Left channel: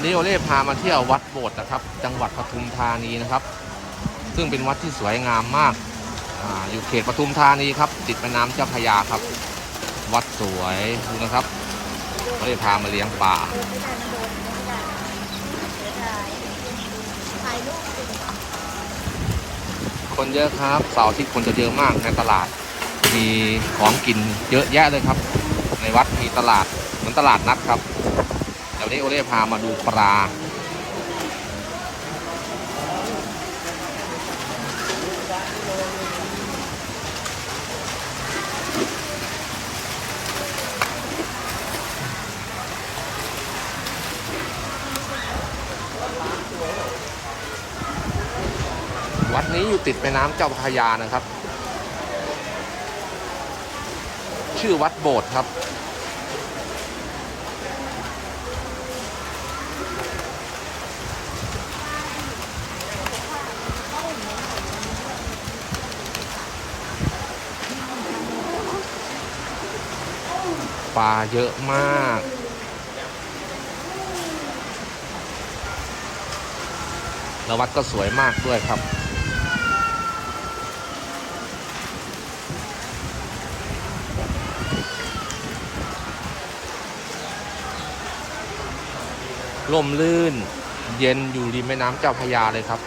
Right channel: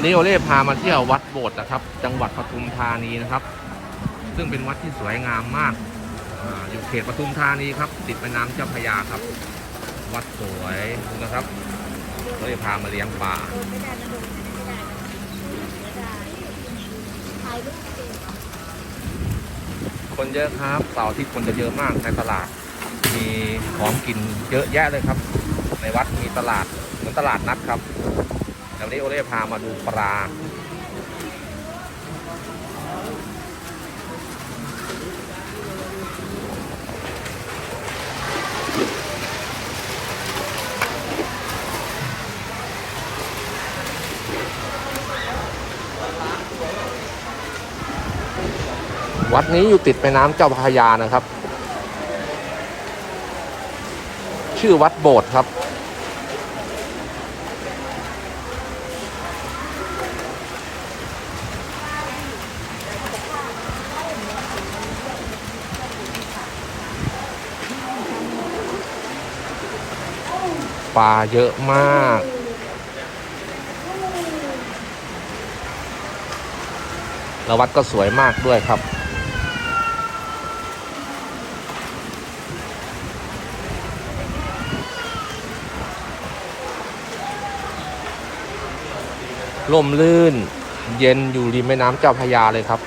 วันนี้โอเล่พามาเที่ยววัดโบสถ์นะครับ จังหวัดปทุมธานีนะครับ ซึ่งเป็นวัดที่สวยงามมากออยู่เขตปทุมธานีครับติดแม่น้ำเจ้าพระยาครับ วัดสวยนะครับโอเล่พามาเลี้ยงปลาคนเยอะครับเสาร์ที่คนจะเยอะมากในตลาด มีของกินเยอะแยะเลยครับ ในวัดมีตลาดเหมันตลาดนัดครับ ดี๋ยวนี้โอเล่พามาดูปลา วัดนี้อยู่ติดแม่น้ำเจ้าพระยานะครับ ชื่อวัดโบสถ์ครับ ลาเยอะมาก แล้ววัดก็สวยมากด้วยครับร่มลื่นเย็นอยู่ริมแม่น้ำเจ้าพยาเลยครับ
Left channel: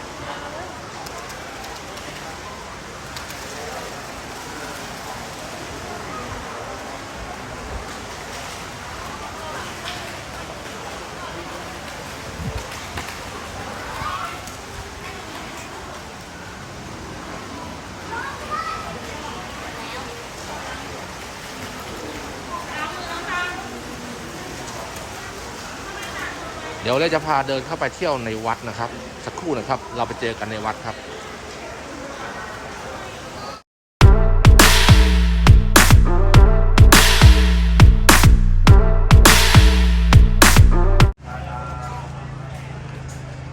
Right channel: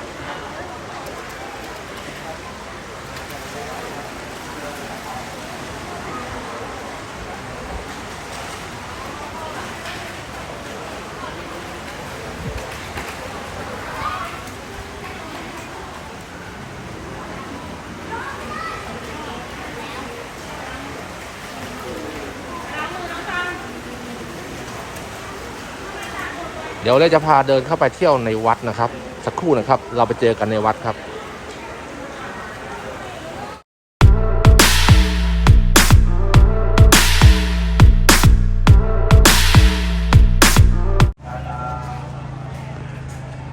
เดี๋ยวเราจะพาเดินเข้าไปเที่ยวในวัดนะครับ สักครู่นะครับ เราไปเจอกันในวัดครับ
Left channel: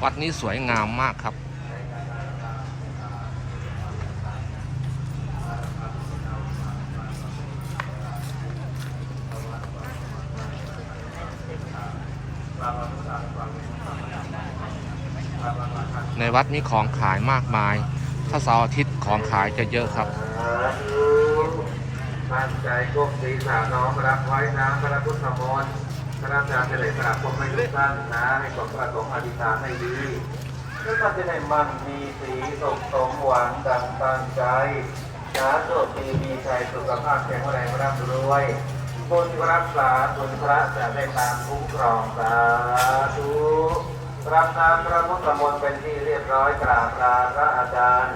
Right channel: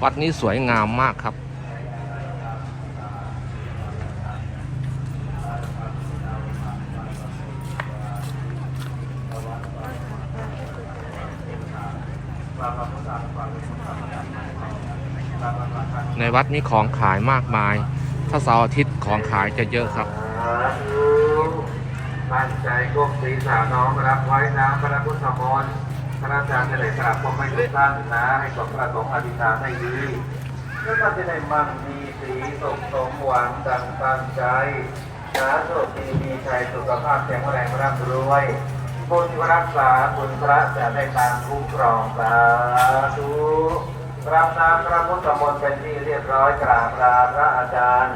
วัดนี้สวยงามมากครับ วัดมีของขายมากมาย ถ้าเสาร์อาทิตย์ของขายจะเยอะครับตั้งใจก้มศีรษะน้อมรับไว้น้ำพระพุทธมนต์พระอาจารย์จะได้กราบผมให้ทุกท่านนะ ให้สมประสงค์อธิษฐานให้ดีก็ท่านจะได้มั่นมีสีสุขสมหวังดังตั้งใจสาธุดีมีชัยสุขภาพแข็งแรงร่ำรวยบุญรักษาบุญพระจะได้ตามคุ้มครองสาธุ รับน้ำพระพุทธมนต์เป็นที่เรียบร้อยกราบลาพระอาจารย์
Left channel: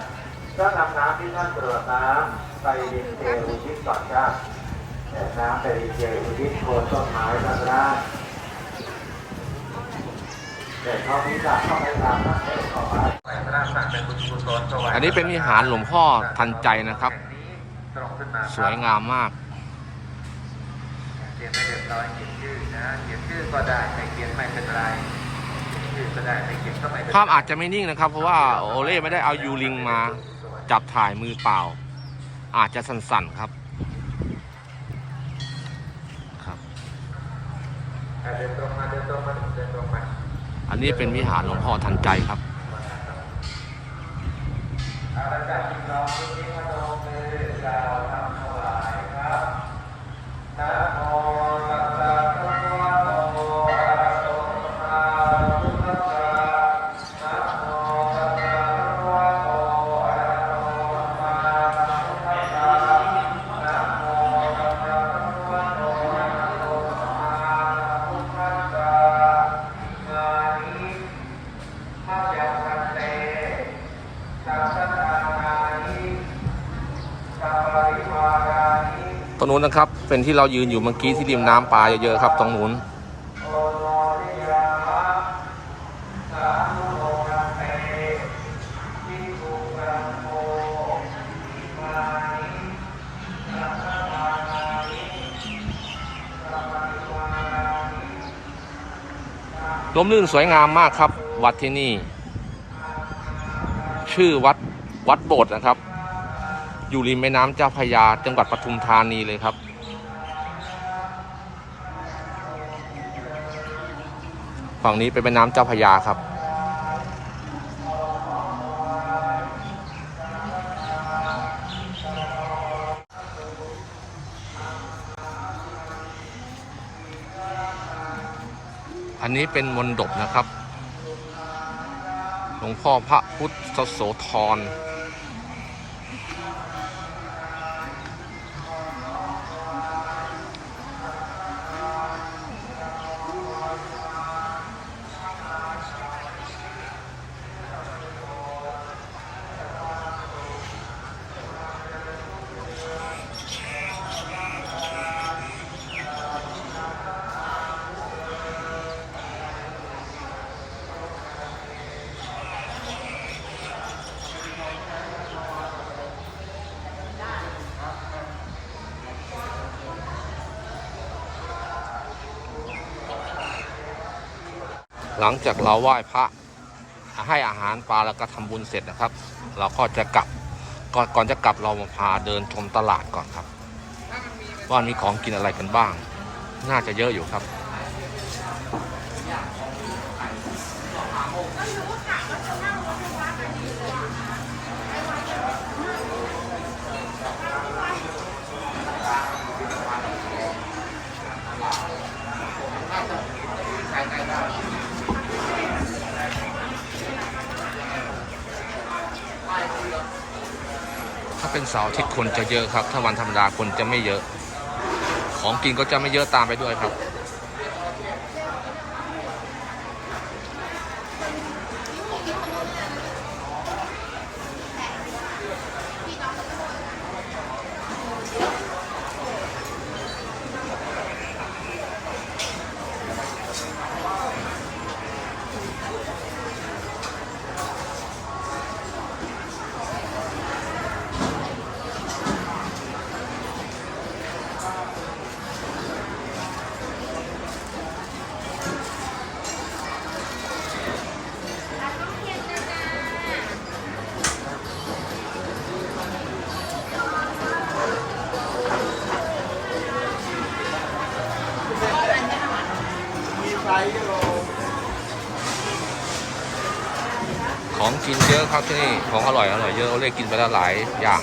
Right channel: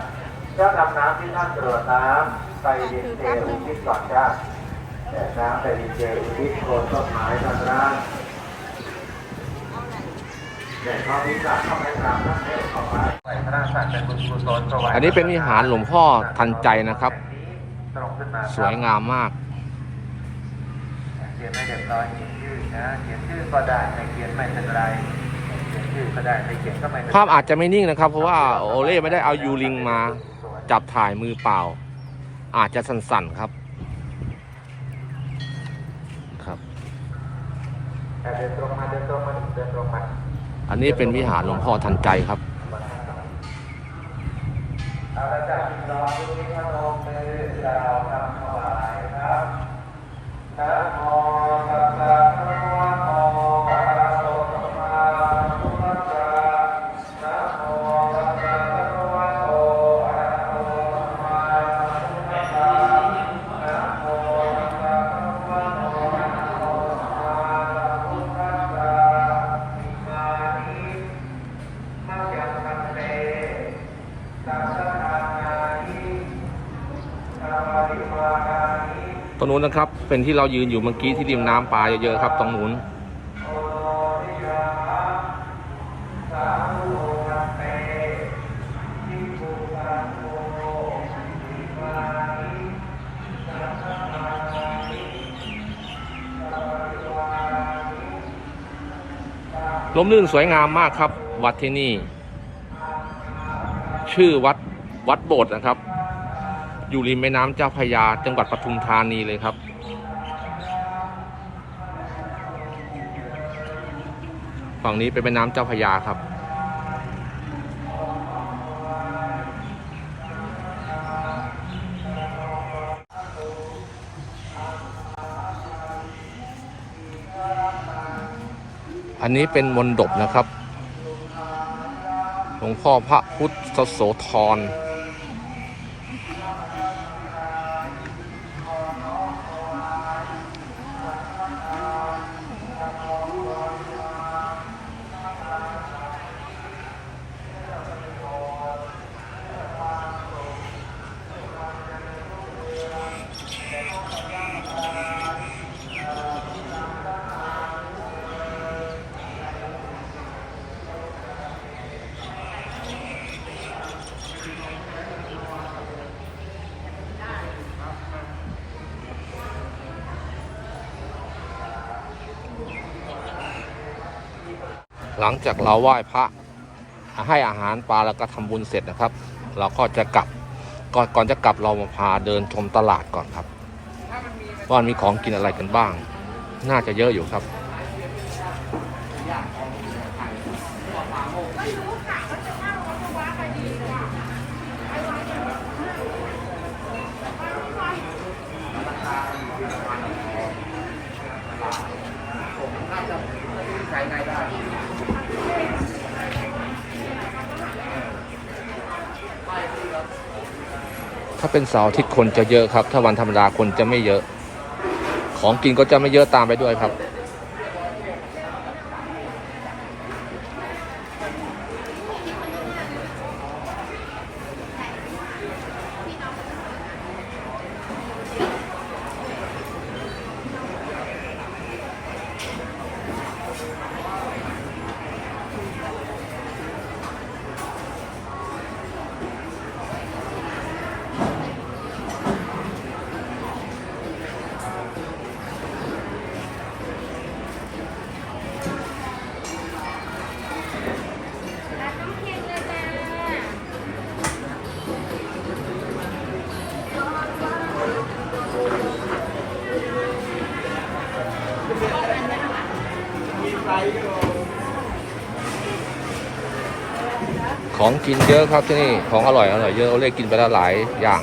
ก็นำน้ำที่ท่านตรวจน้ำไปดินเทอุทิศก่อนจ้าแต่น้ำไปดินเทอุทิศโคนต้นไม้ท่านร่างแต่ข้อนี้จะเข้าไปตามท่านเทศต่อไปพระราชเป็นบุญกุศลก็ไว้อันนี้เป็นวิหารหลวงพ่อทันใจนะครับตรงขึ้นมาสวยงามมากเขียนไม่เดือดร้อนเขียนชื่อนะเขียนชื่อก็ได้ไม่เขียนไม่เป็นไร ภาพอาจจะไม่นิ่งนะครับ เพราะว่าโอเล่ไม่ได้เอายูริงมาจับถ่ายมือเปล่า อาจจะสั่นๆครับครับเดินตรงมาเดินตรงมาเดินตรงมาอันนี้เป็นวิหารหลวงพ่อทันใจครับต รงนู้นนะครับ เป็นที่เรายืนอยู่เมื่อกี้ที่ริมน้ำปลาเยอะๆครับ ตรงนู้นล้มลื่นสวยงามมากครับ วัดที่นี่ ชื่อวัดวัดโบสถ์นะครับ อยู่ริมแม่น้ำเจ้าพระยาจังหวัดปทุมธานีเลยครับ ฝั่งนี้เป็นแม่น้ำเจ้าพระยาครับ อันนี้เป็นมนดบนะครับ หลวงพ่อพระพุทธโสธร หลังจากเราไหว้พระให้อาหารปลาแล้วก็ทำบุญเสร็จนะครับ เราก็จะกลับก่อนก่อนจะกลับเรามาพาเดินชมตลาดก่อนครับว่ามีของกินอะไรกันบ้าง น่าจะเยอะอยู่ครับ ถ้าเป็นเสาร์อาทิตย์คนจะเยอะครับ ถ้าวันธรรมดาคนจะไม่เยอะ ของกินก็จะไม่เยอะตามไปด้วยครับ ของกินเยอะครับที่นี่ของอร่อยอร่อยเยอะเราเลยกินไปแล้วหลายอย่าง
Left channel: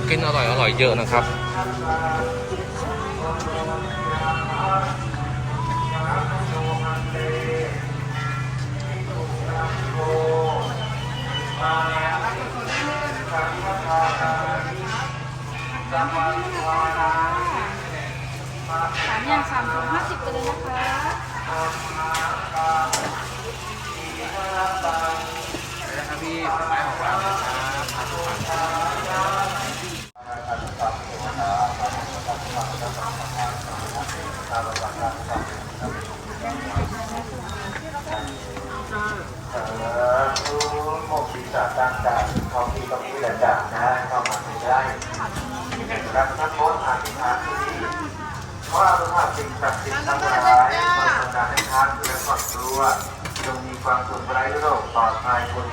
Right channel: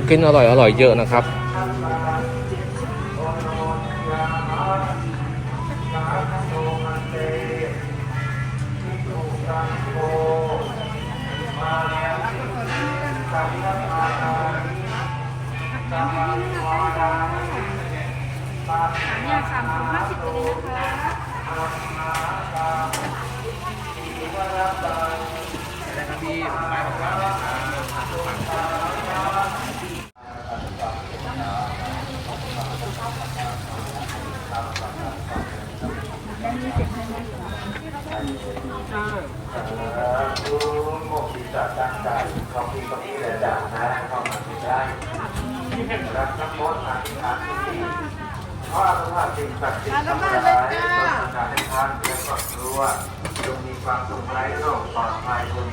ของกินอร่อยอร่อยเยอะนะครับ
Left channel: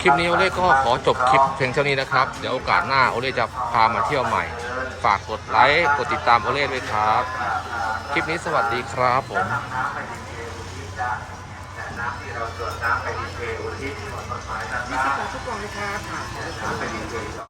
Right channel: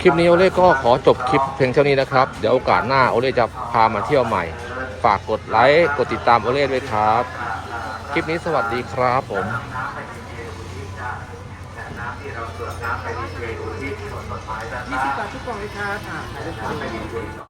คลิปนี้โอเล่ก็ขอจบคลิปเพียงเท่านี้นะครับ เดี๋ยวโอกาสหน้าโอเล่จะพามาเที่ยวใหม่ ฝากกดไลค์ กดติดตามโอเล่ด้วยครับ ลิปนี้สวัสดีครับผมน้ำที่เราตรวจน้ำไปดีเทอุทิศที่หมดกฎหมายนะคยี่รัสิบบบาททุกกล่องเลยค่ะค่ะไปดีเท